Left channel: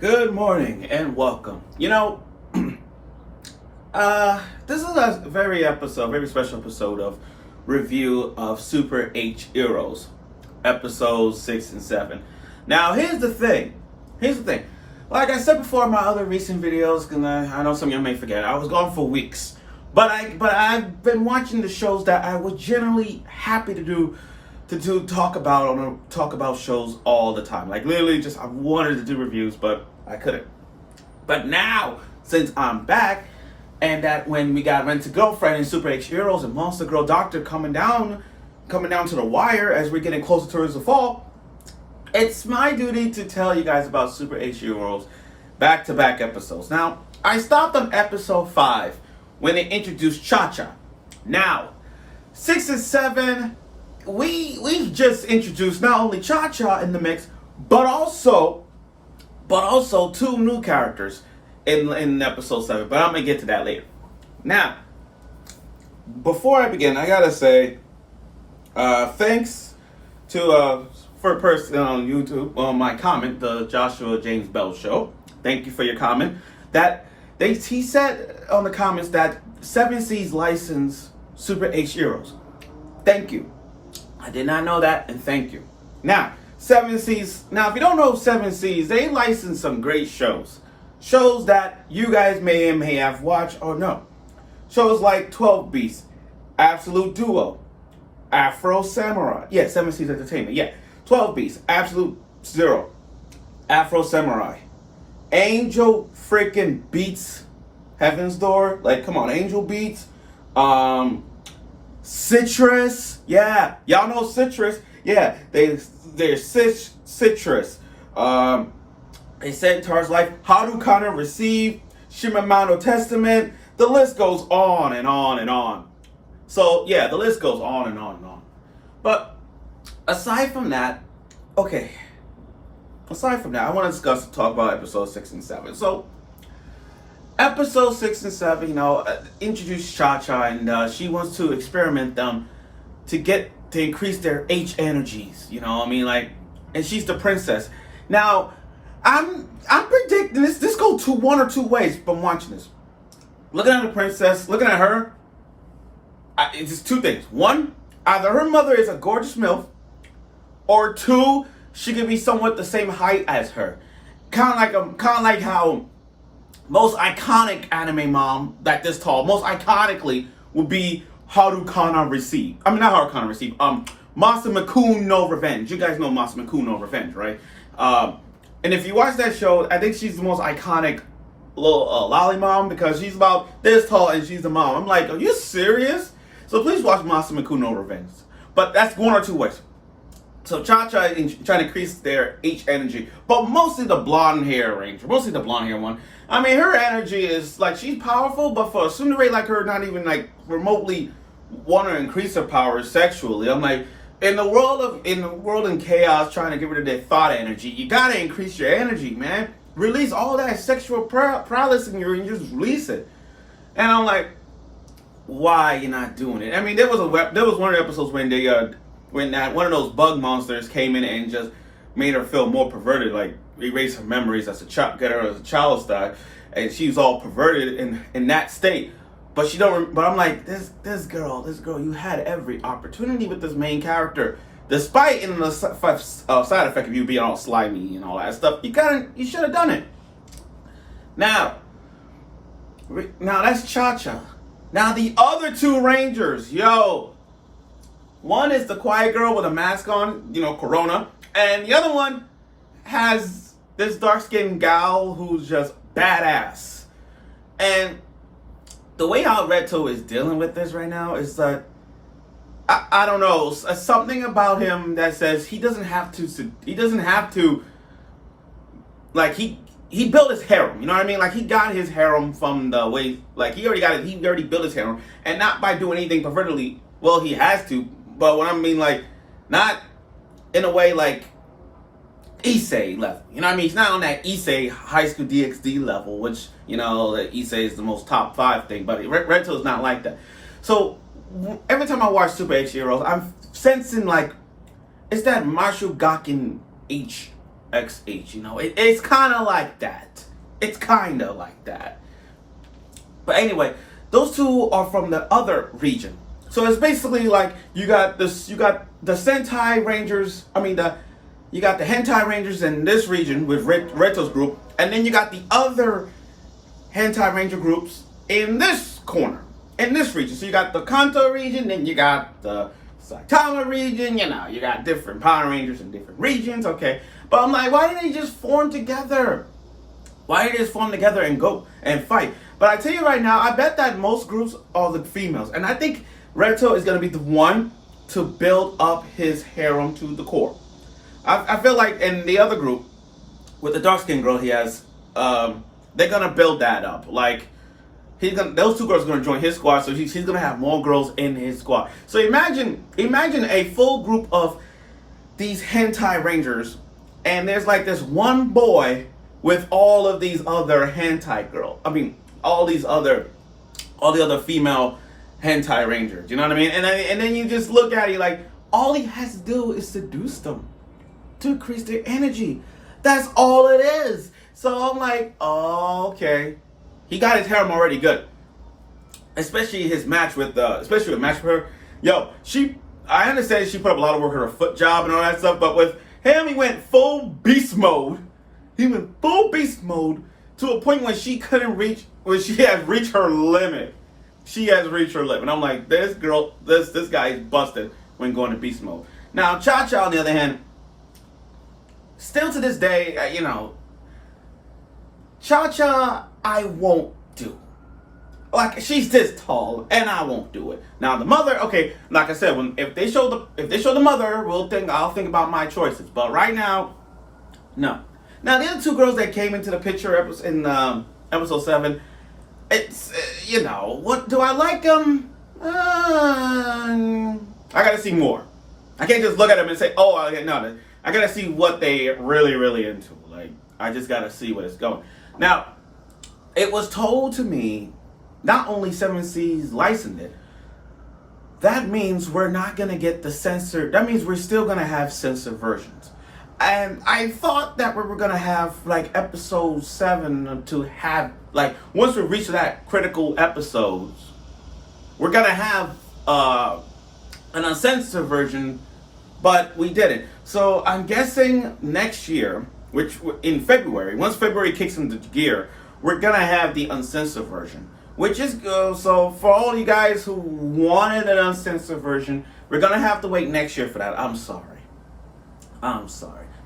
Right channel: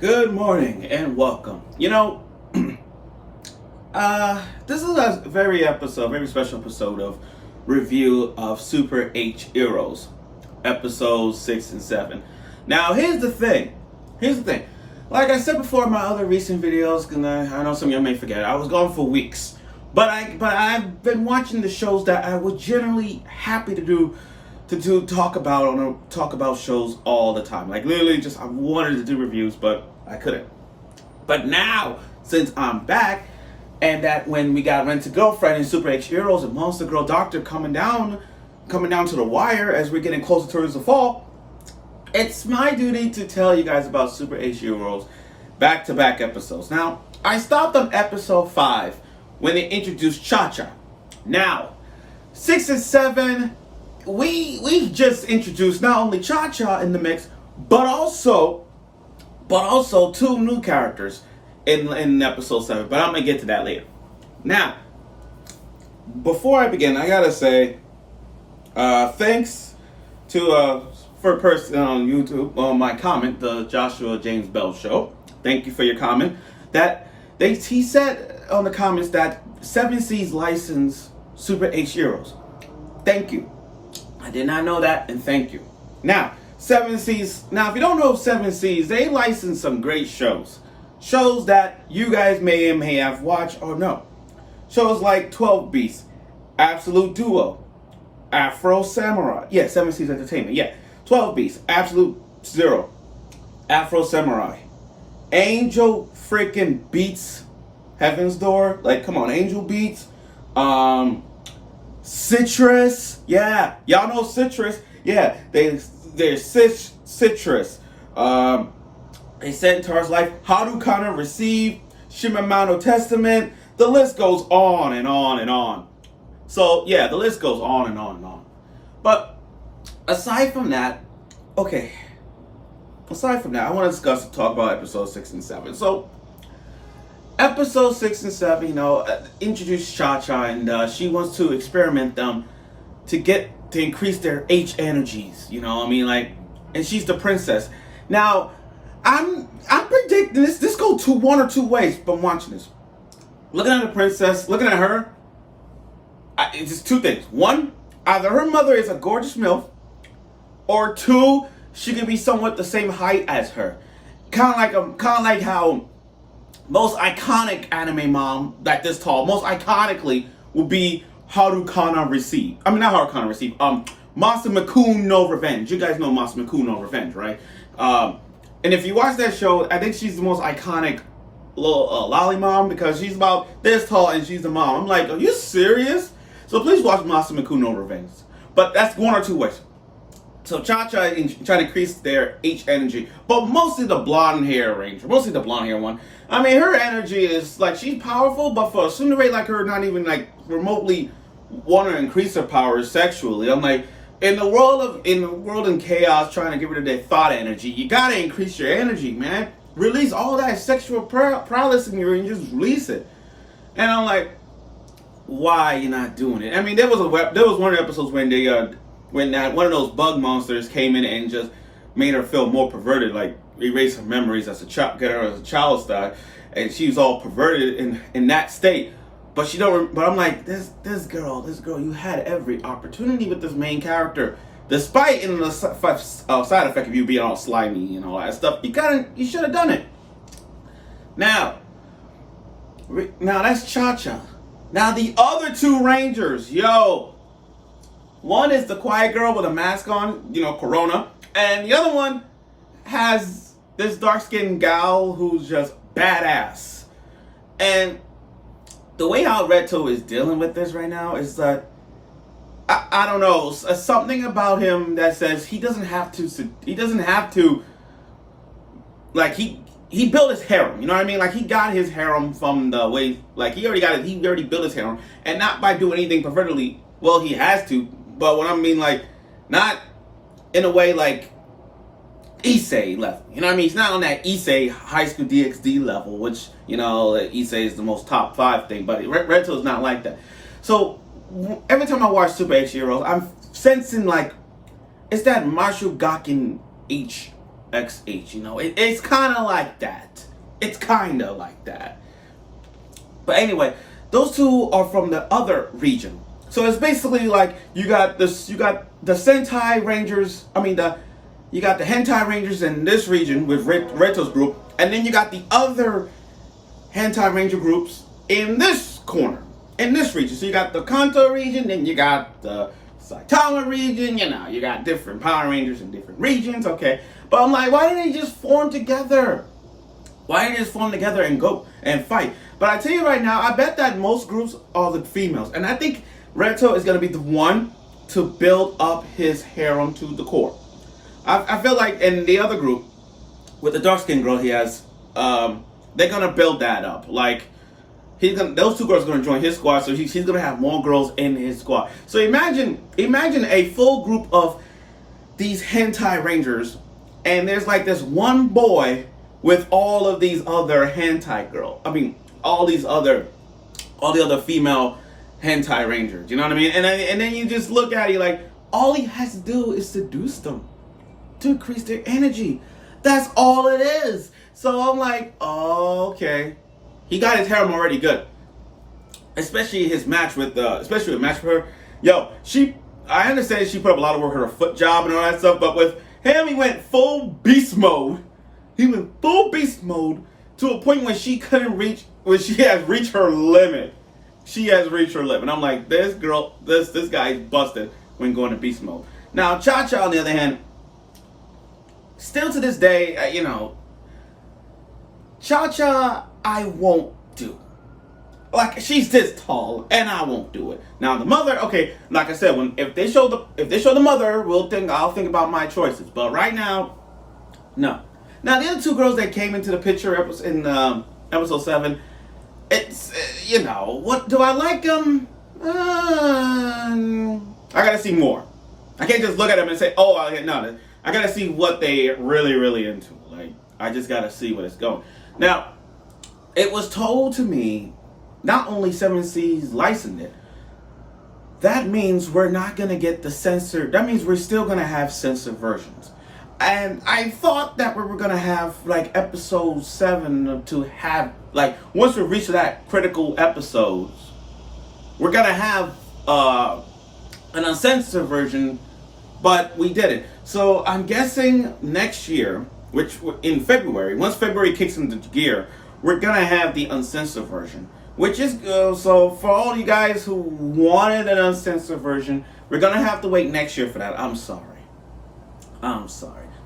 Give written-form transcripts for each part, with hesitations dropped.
Good morning and welcome. This is a very special episode of review of Super HxEros, episodes 6 and 7. Now, here's the thing. Like I said before in my other recent videos, and I know some of you may forget, I was gone for weeks. But I've been watching the shows that I was generally happy to talk about shows all the time. Like literally just I wanted to do reviews, but I couldn't. But now, since I'm back, and that when we got Rent a Girlfriend and Super HxEros and Monster Girl Doctor coming down to the wire as we're getting closer towards the fall, it's my duty to tell you guys about Super HxEros back-to-back episodes. Now, I stopped on episode 5 when they introduced Cha-Cha. Now, 6 and 7, we just introduced not only Cha-Cha in the mix, but also two new characters in episode 7. But I'm gonna get to that later. Now, before I begin, I gotta say thanks to for a person on YouTube on my comment, the Joshua James Bell Show. Thank you for your comment. He said on the comments that 7 Seas license Super HxEros. Thank you. I did not know that, and thank you. Now, 7 Seas. Now, if you don't know 7 Seas, they license some great shows. Shows that you guys may have watched or know. Shows like 12 Beasts, Absolute Duo, Afro Samurai. Yeah, 7 Seas Entertainment. Yeah, 12 Beasts, Absolute Zero, Afro Samurai, Angel freaking Beats, Heaven's Door. Like, come on, Angel Beats. Citrus. Yeah, y'all know Citrus. Yeah, they're Citrus. They said in terms like How Do Connor Receive, Shimamano Testament. The list goes on and on and on. So yeah, the list goes on and on and on. But aside from that, I want to talk about episodes 6 and 7. So episode 6 and 7, introduce Cha-Cha, and she wants to experiment them to increase their H energies. And she's the princess. Now, I'm predicting this go to one or two ways from watching this. Looking at the princess, looking at her, it's just two things. One, either her mother is a gorgeous MILF, or two, she could be somewhat the same height as her. Kind of like how most iconic anime mom like this tall, most iconically would be Haru Kana Receive. I mean, not Haru Kana Receive. Monster Makun no Revenge. You guys know Monster Makun no Revenge, right? And if you watch that show, I think she's the most iconic little lolly mom because she's about this tall and she's the mom. I'm like, are you serious? So please watch Monster Makun no Revenge. But that's one or two ways. So Cha-Cha is trying to increase their H energy, but mostly the blonde hair ranger, mostly the blonde hair one. I mean, her energy is like she's powerful, but for a tsundere like her, not even like remotely want to increase her powers sexually. I'm like, in the world in chaos, trying to get rid of their thought energy, you gotta increase your energy, man. Release all that sexual prowess in you and just release it. And I'm like, why are you not doing it? I mean, there was one of the episodes when one of those bug monsters came in and just made her feel more perverted, like erase her memories as a child, get her as a child star, and she was all perverted in that state. But she don't. But I'm like, this girl, you had every opportunity with this main character, despite in the side effect of you being all slimy and all that stuff. You should have done it. Now that's Cha-Cha. Now the other two Rangers, one is the quiet girl with a mask on, Corona. And the other one has this dark-skinned gal who's just badass. And the way how Reto is dealing with this right now is that, I don't know, something about him that says he doesn't have to, like, he built his harem, you know what I mean? Like, he got his harem from the way, like, he already built his harem, and not by doing anything pervertedly. Well, he has to, but what I mean, like, not in a way like Issei level. You know what I mean? He's not on that Issei High School DxD level, which, Issei is the most top 5 thing, but Reto is not like that. So, every time I watch Super HxEros, I'm sensing, like, it's that Mashu Gakken H XH. You know, it's kind of like that. It's kind of like that. But anyway, those two are from the other region. So it's basically like you got the Sentai Rangers. You got the Hentai Rangers in this region with Reto's group, and then you got the other Hentai Ranger groups in this corner, in this region. So you got the Kanto region, then you got the Saitama region. You know, you got different Power Rangers in different regions. Okay, but I'm like, why didn't they just form together? Why didn't they just form together and go and fight? But I tell you right now, I bet that most groups are the females, and I think Reto is gonna be the one to build up his harem to the core. I feel like in the other group, with the dark skinned girl he has, they're gonna build that up. Like those two girls are gonna join his squad, so he's gonna have more girls in his squad. So imagine a full group of these hentai rangers, and there's like this one boy with all of these other hentai girls. All the other female hentai rangers. You know what I mean? And then you just look at it like all he has to do is seduce them to increase their energy. That's all it is. So I'm like, oh, okay. He got his harem already good. Especially his match with her. Yo, I understand she put up a lot of work on her foot job and all that stuff, but with him, he went full beast mode. He went full beast mode to a point when she has reached her limit. She has reached her limit. I'm like, this guy is busted when going to beast mode. Now, Cha-Cha, on the other hand, still to this day, Cha-Cha, I won't do. Like, she's this tall, and I won't do it. Now, the mother, okay, like I said, if they show the mother, I'll think about my choices. But right now, no. Now, the other two girls that came into the picture in episode 7, it's, what do I like them? I gotta see more. I can't just look at them and say, oh, no. I gotta see what they really, really into. Like, I just gotta see what it's going. Now, it was told to me, not only 7C's licensed it, that means we're not gonna get the censored, that means we're still gonna have censored versions. And I thought that we were gonna have like episode 7 to have, like, once we reach that critical episodes, we're gonna have an uncensored version, but we didn't. So I'm guessing next year, which in February, once February kicks into gear, we're gonna have the uncensored version. Which is so for all you guys who wanted an uncensored version, we're gonna have to wait next year for that. I'm sorry.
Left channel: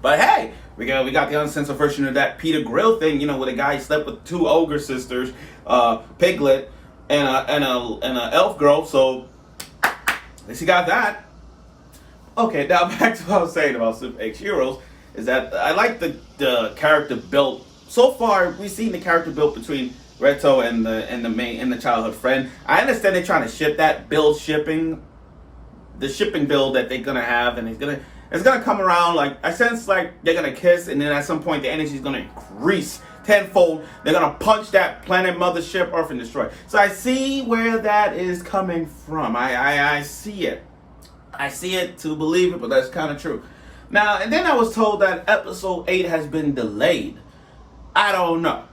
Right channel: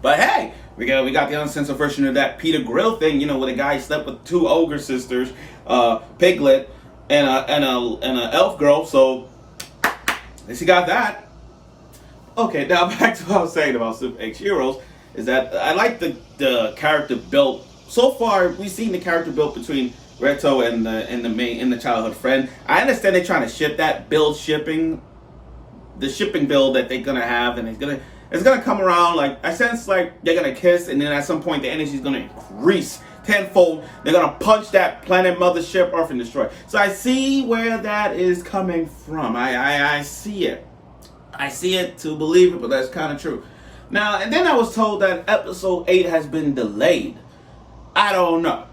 But hey, we got the uncensored version of that Peter Grill thing, where the guy slept with 2 ogre sisters, Piglet, and a elf girl. So at least he got that. Okay, now back to what I was saying about Super HxEros, is that I like the character built. So far, we've seen the character built between Reto and the childhood friend. I understand they're trying to ship that shipping build that they're gonna have, and it's gonna come around. Like, I sense like they're gonna kiss, and then at some point the energy is gonna increase tenfold. They're gonna punch that planet mothership Earth and destroy. So I see where that is coming from. I see it. I see it to believe it, but that's kind of true. Now, and then I was told that episode 8 has been delayed. I don't know.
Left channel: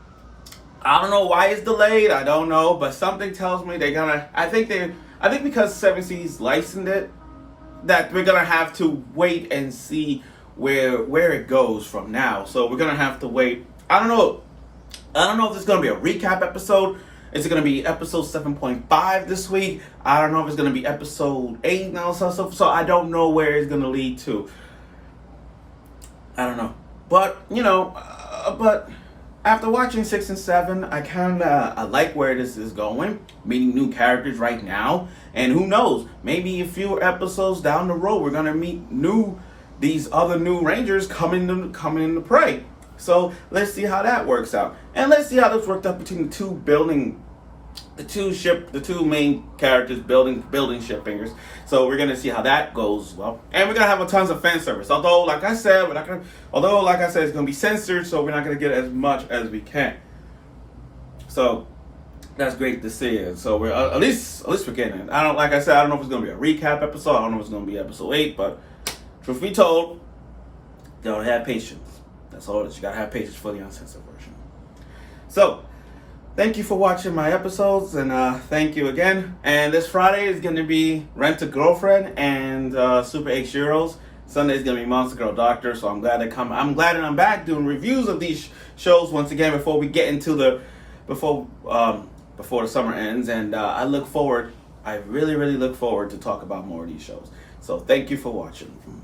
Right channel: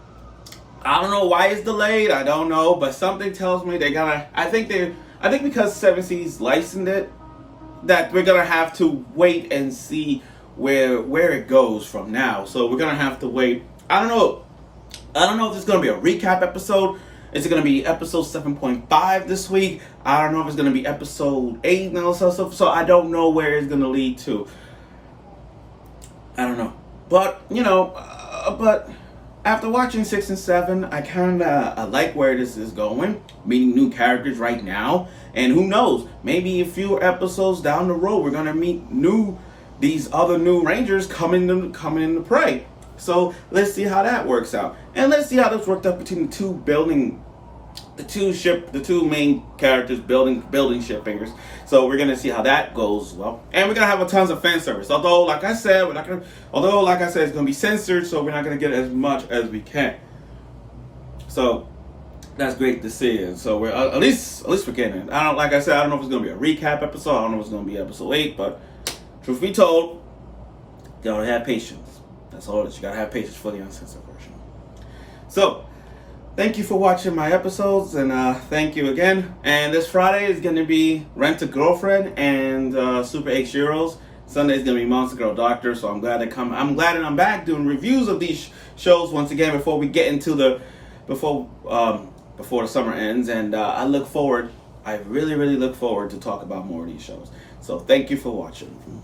I don't know why it's delayed. I don't know, but something tells me they're gonna. I think because 7C's licensed it, that we're gonna have to wait and see where it goes from now. So we're gonna have to wait. I don't know if it's gonna be a recap episode. Is it gonna be episode 7.5 this week? I don't know if it's gonna be episode 8 now. So I don't know where it's gonna lead to. I don't know, but but after watching 6 and 7, I like where this is going. Meeting new characters right now, and who knows? Maybe a few episodes down the road, we're gonna meet these other new Rangers coming into play. So let's see how that works out, and let's see how this worked out between the two main characters building ship fingers. So we're gonna see how that goes well, and we're gonna have a tons of fan service. Although, like I said, it's gonna be censored, so we're not gonna get as much as we can. So that's great to see, and so we're at least we're getting it. I don't know if it's gonna be a recap episode. I don't know if it's gonna be episode 8, but truth be told, gotta have patience. That's all it is. You gotta have patience for the uncensored version. So, thank you for watching my episodes, and thank you again. And this Friday is going to be Rent a Girlfriend and Super HxEros. Sunday is going to be Monster Girl Doctor. So I'm glad that I'm back doing reviews of these shows once again before we get into before the summer ends. And I really look forward to talk about more of these shows. So thank you for watching.